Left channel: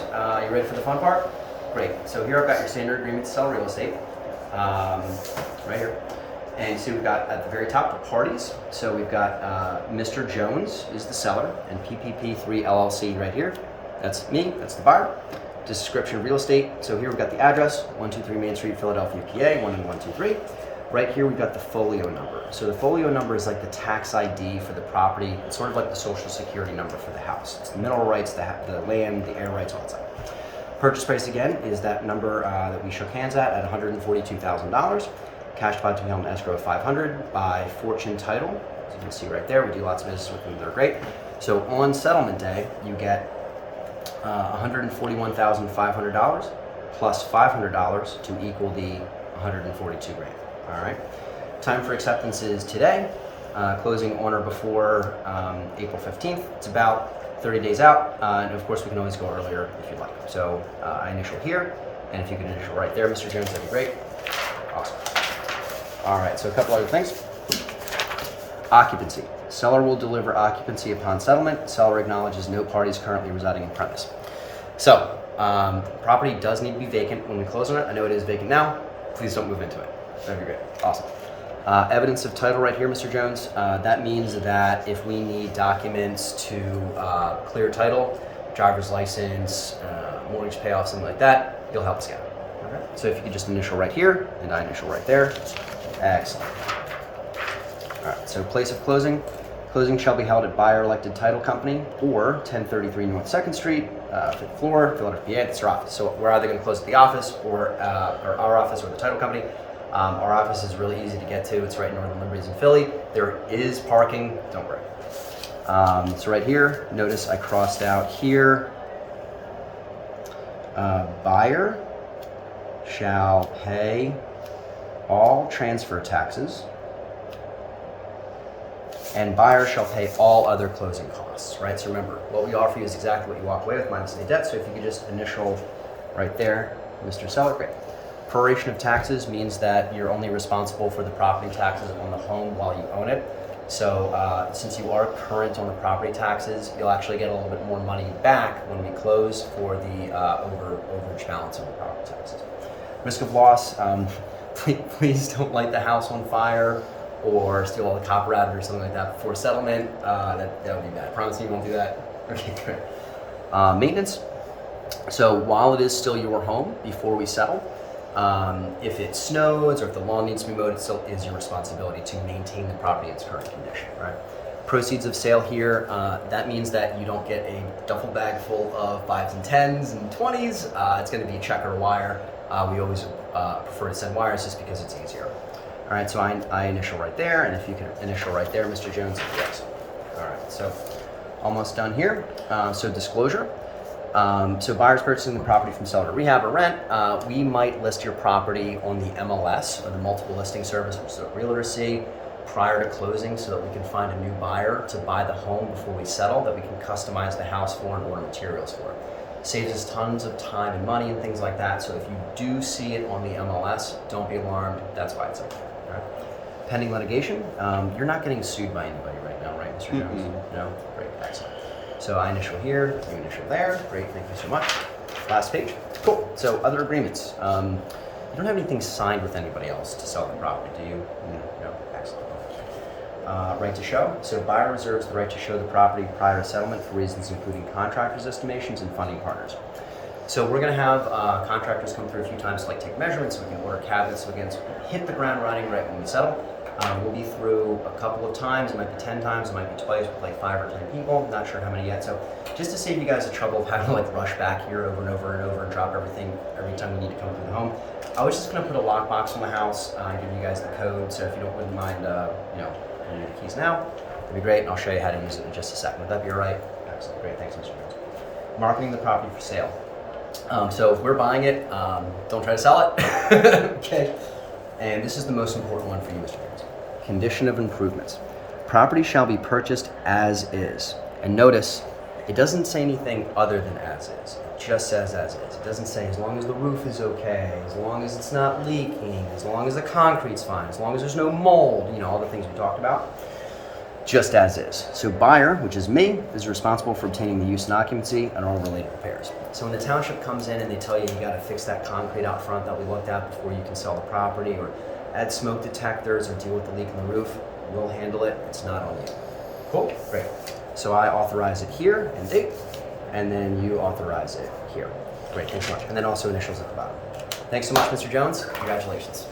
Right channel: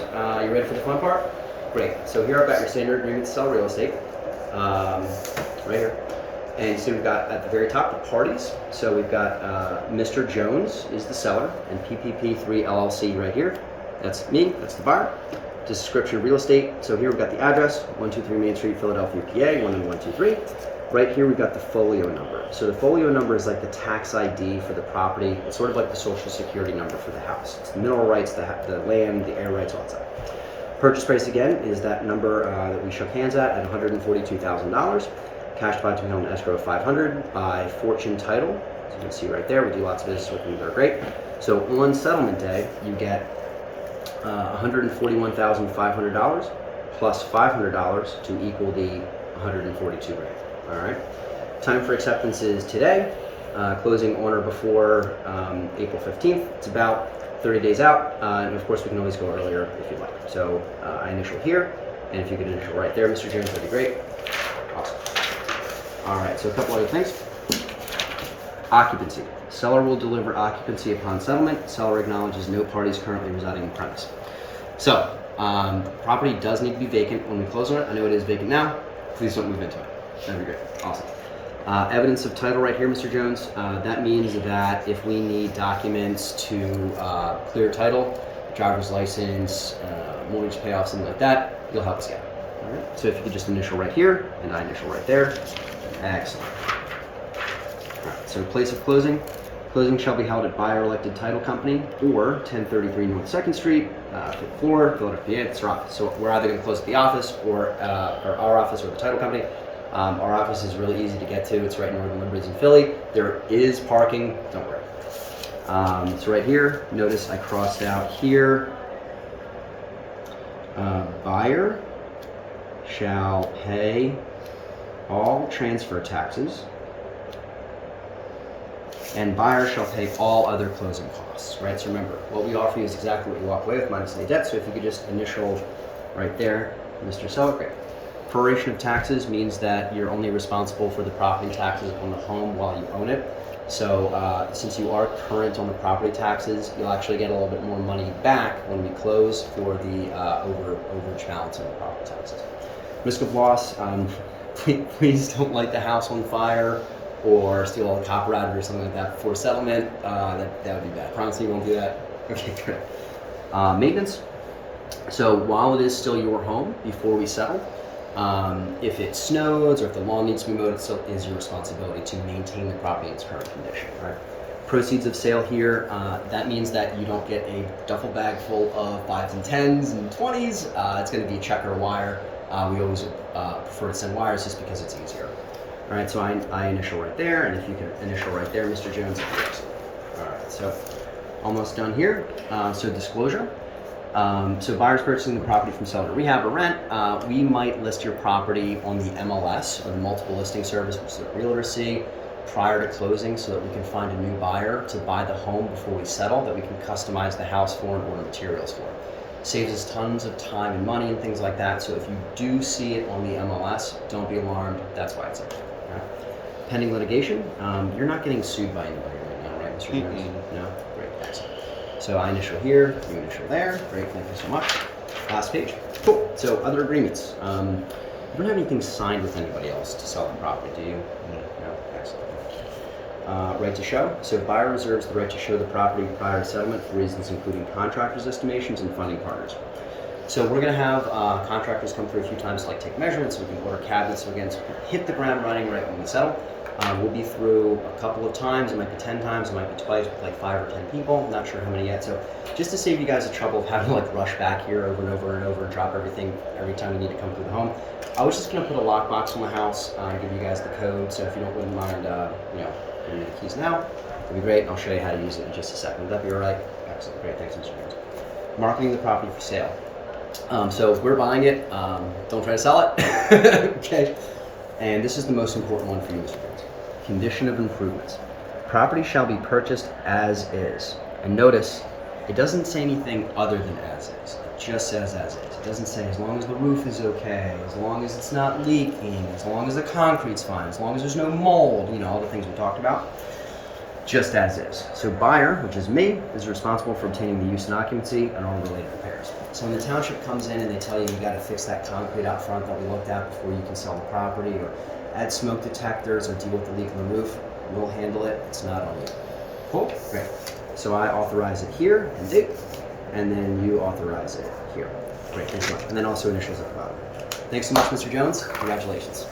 You ready for the fun part? Great. So here I've got your standard agreement to sell real estate, right here. And so we've got at the very top the parties. So we've got Mr. Jones is the seller, and PPP3 LLC right here. That's me. That's the buyer. Description of real estate. So here we've got the address, 123 Main Street, Philadelphia, PA, 19123. Right here we've got the folio number. So the folio number is like the tax ID for the property. It's sort of like the social security number for the house. It's the mineral rights, the land, the air rights, all that stuff. Purchase price again is that number that we shook hands at $142,000. Cash deposit to be held in escrow of $500 by Fortune Title. As you can see right there, we do lots of business with them. They're great. So on settlement day, you get $141,500 plus $500 to equal the $142,000. All right. Time for acceptance is today. Closing on or before April 15th. It's about 30 days out, and of course we can always go earlier if you like. So I initial here, and if you can initial right there, Mr. Jones, that'd be great. Awesome. All right, so a couple other things. Occupancy. Seller will deliver occupancy upon settlement. Seller acknowledges no parties currently residing in the premise. So property does need to be vacant when we close on it. I know it is vacant now. Please don't move into it. That'd be great. Awesome. Evidence of title right here, Mr. Jones. That means that if we need documents to clear title, driver's license, mortgage payoff, something like that, you'll help us get it. All right. So if you could just initial right here, and I initial right there. Excellent. All right. So place of closing. Closing shall be held at buyer elected title company or 1033 North 2nd Street, 5th floor, Philadelphia, PA. That's our office. So we're either going to close at the office or our office or the title company. Our office is really easy to get to. It's right in Northern Liberties in Philly. There is parking, don't worry. So right here, notice I crossed out here, buyer shall pay all transfer taxes and buyer shall pay all other closing costs, right? So remember, what we offer you is exactly what you walk away with minus any debt. So if you could just initial right there, Mr. Seller, great. Proration of taxes means that you're only responsible for the property taxes on the home while you own it. So since you are current on the property taxes, you'll actually get a little bit more money back when we close for the overage balance on the property taxes. Risk of loss, please don't light the house on fire or steal all the copper out of it or something like that before settlement. That would be bad. I promise you won't do that. Okay, great. Maintenance. So while it is still your home before we settle, if it snows or if the lawn needs to be mowed, it still is your responsibility to maintain the property in its current condition, right? Proceeds of sale here, that means that you don't get a duffel bag full of 5s and 10s and 20s. It's going to be check or wire. We always prefer to send wires just because it's easier. All right, so I initial right there, and if you can initial right there, Mr. Jones, excellent. All right, so almost done here. So disclosure. So buyers purchasing the property from seller to rehab or rent, we might list your property on the MLS or the multiple listing service, which is what realtors see, prior to closing so that we can find a new buyer to buy the home before we settle, that we can customize the house for and order materials for it. Saves us tons of time and money and things like that. So if you do see it on the MLS, don't be alarmed. That's why it's okay. All right. Pending litigation, you're not getting sued by anybody right now, right, Mr. Jones? No? Great, excellent. So I initial here, you initial there. Great, thank you so much. Last page. Cool. So other agreements. You don't have anything signed with anybody else to sell the property, do you? No. Excellent. Right to show. So buyer reserves the right to show the property prior to settlement for reasons including contractors' estimations and funding partners. So we're going to have contractors come through a few times to take measurements, so we can order cabinets, so again, so we can hit the ground running right when we settle. We'll be through a couple of times. It might be 10 times, it might be twice with 5 or 10 people. Not sure how many yet. So just to save you guys the trouble of having to rush back here over and over and over and drop everything every time we need to come through the home, I was just going to put a lockbox on the house and give you guys the code. So if you wouldn't mind, giving me the keys now, that'd be great. And I'll show you how to use it in just a second. Would that be all right? Excellent. Great. Thanks, Mr. Jones. Marketing the property for sale. So we're buying it. Don't try to sell it. Okay. And this is the most important one for you, Mr. Jones. Condition of improvements. Property shall be purchased as is. And notice, it doesn't say anything other than as is. It just says as is. It doesn't say as long as the roof is okay, as long as it's not leaking, as long as the concrete's fine, as long as there's no mold, all the things we talked about. just as is. So buyer, which is me, is responsible for obtaining the use and occupancy and all related repairs. So when the township comes in and they tell you you gotta fix that concrete out front that we looked at before you can sell the property, or add smoke detectors or deal with the leak in the roof, we'll handle it, it's not on you. Cool, great. So I authorize it here and date, and then you authorize it here. Great, thanks so much. And then also initials at the bottom. Thanks so much, Mr. Jones. Congratulations.